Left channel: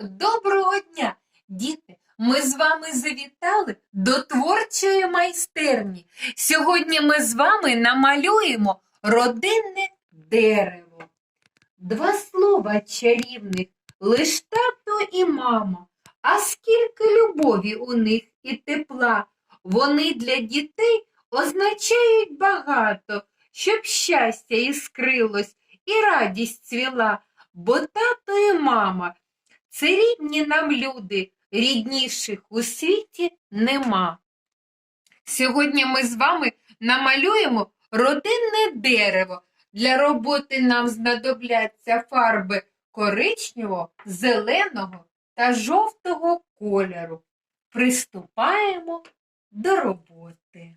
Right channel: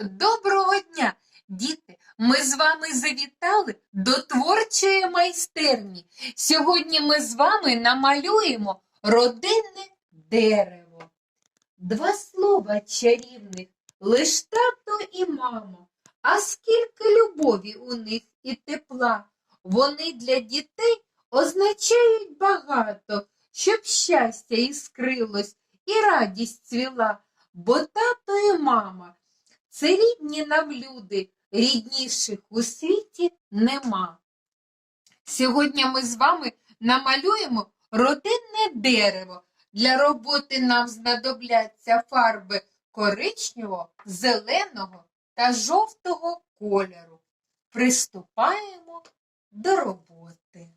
Доброго дня, діти! Ми з вами завітали до творчої майстерні. Сьогодні ми з вами намалюємо родинне дерево. Два слова чарівних, лиш тато і мама. А скільки любові у них і тепла. Вони для дітей означають багато, щоб щастя іскрилось і радість цвіла, бо тато і мама це рідні нам люди, рідніших у світі нема. Сьогодні ми з вами намалюємо родинне дерево. Для роботи нам знадобляться фарби коричневого, зеленого та жовтого кольору. Приступаємо до роботи.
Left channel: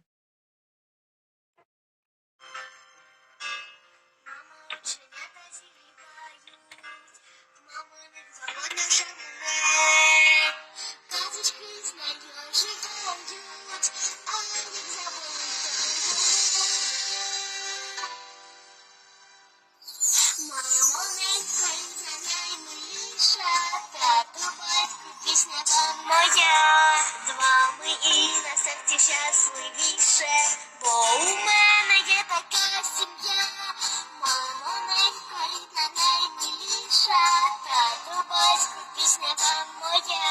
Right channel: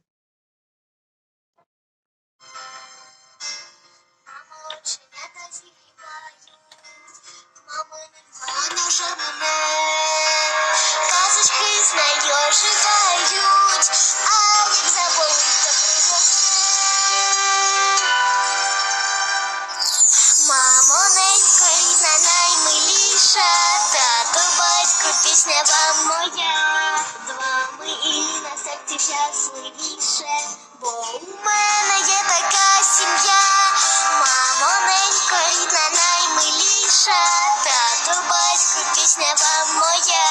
Пісня вам моя, з вами і на серці щасливіше, бо у мене є така сім'я. Мамо, ненько, рідна наймиліша, тато, батько, пісня вам моя,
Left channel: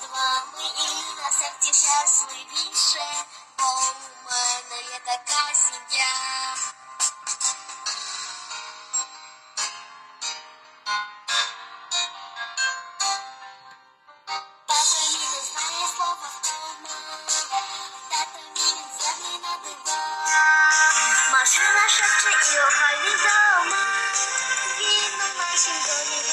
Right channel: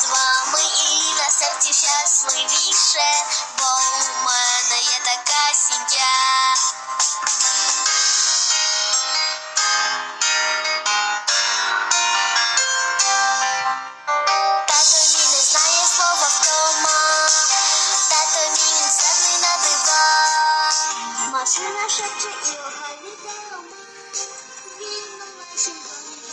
з вами і на серці щасливіше, 小车儿和你走吗？你能耐心等你。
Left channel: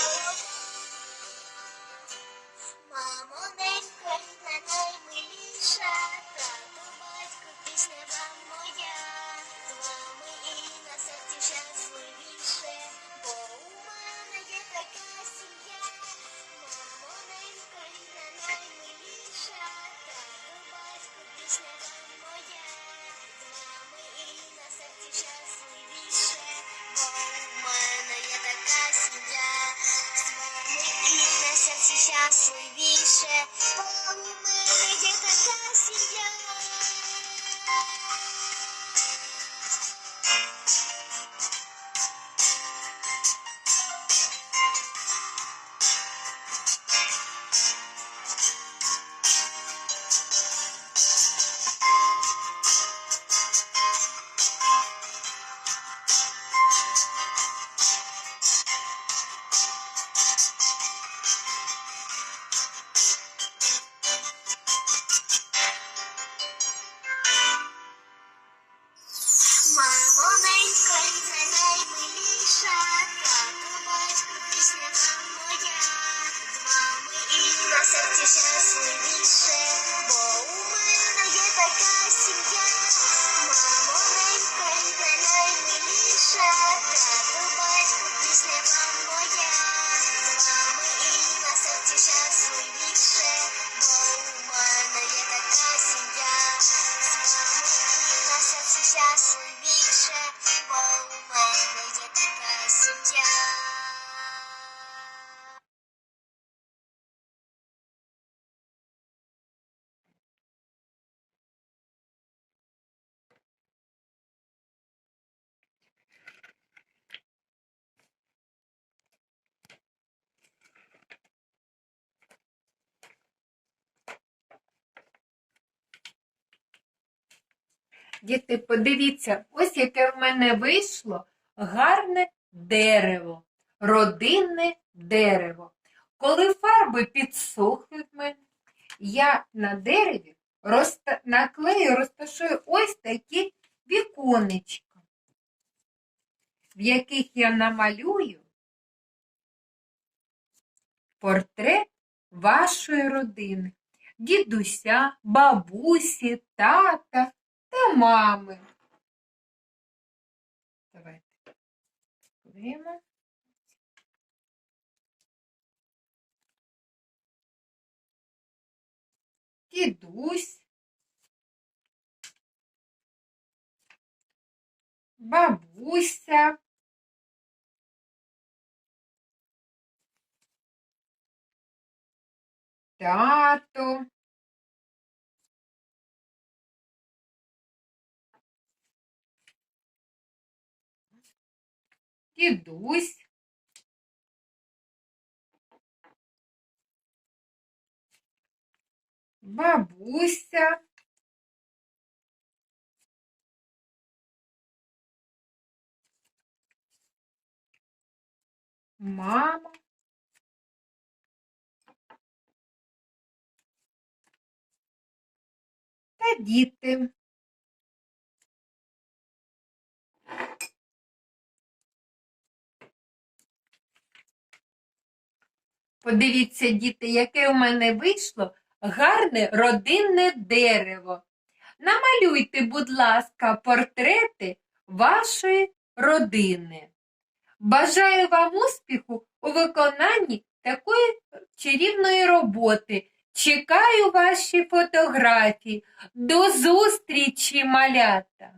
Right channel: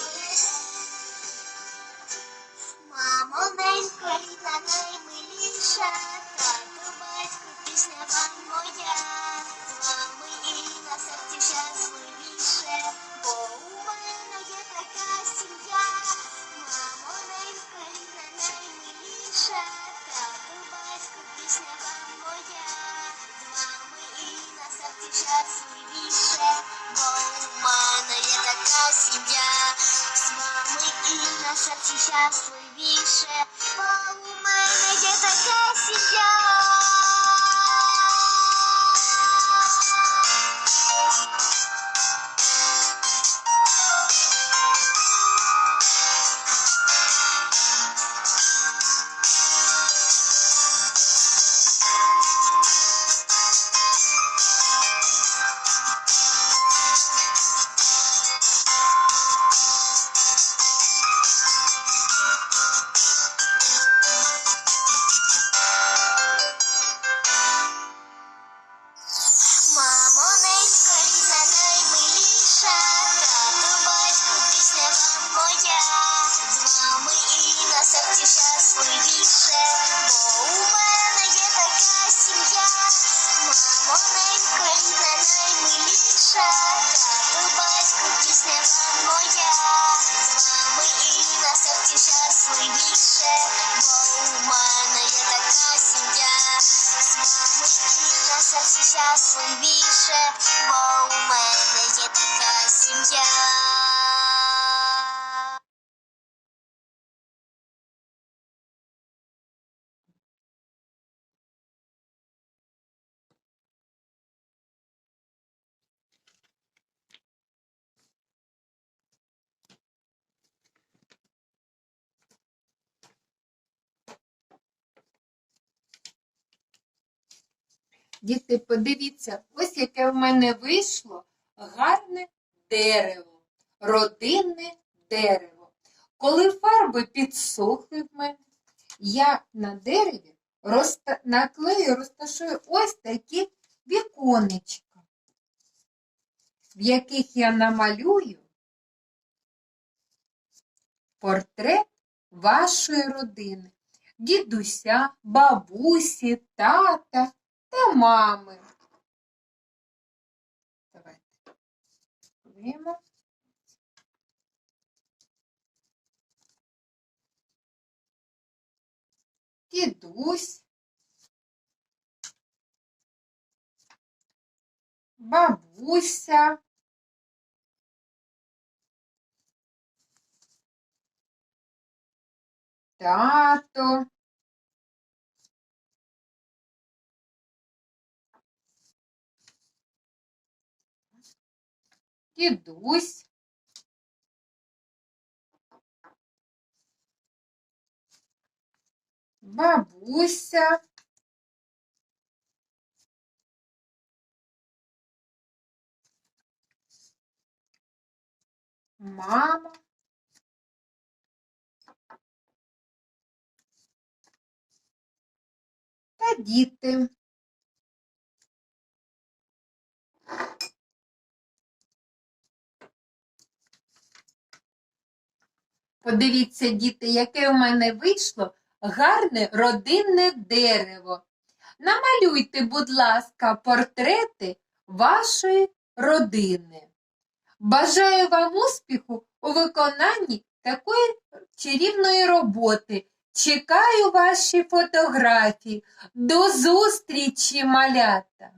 Серці щасливіше, бо у мене є така сім'я. Щасливіше, бо у мене є така сім'я. Мамо, ненько, рідна наймиліша, тато, батько, пісня вам моя, з вами і на серці щасливіше, бо у мене є така сім'я. З вами і на серці щасливіше, Діти, подивіться, ось яке в мене вийшло. Гарне дерево, родинне дерево. Коли фарби підсохли в мене, я на дереві розта... наклею, розташую ось такі віконечка, в яких я намалюю портрет вашої родини, дідуся, бабусі, тата та мами. Давайте клеїмо. Дідусь, бабуся, тато, дідусь, бабуся, мама, та діти. Подивіться, діти, яке у мене вийшло гарне родинне дерево. Намалюйте, будь ласка, портрети вашої родини. Бажаю вам успіху у виконанні такої чарівної роботи. Чекаю ваші фотографії. До зустрічі, малята!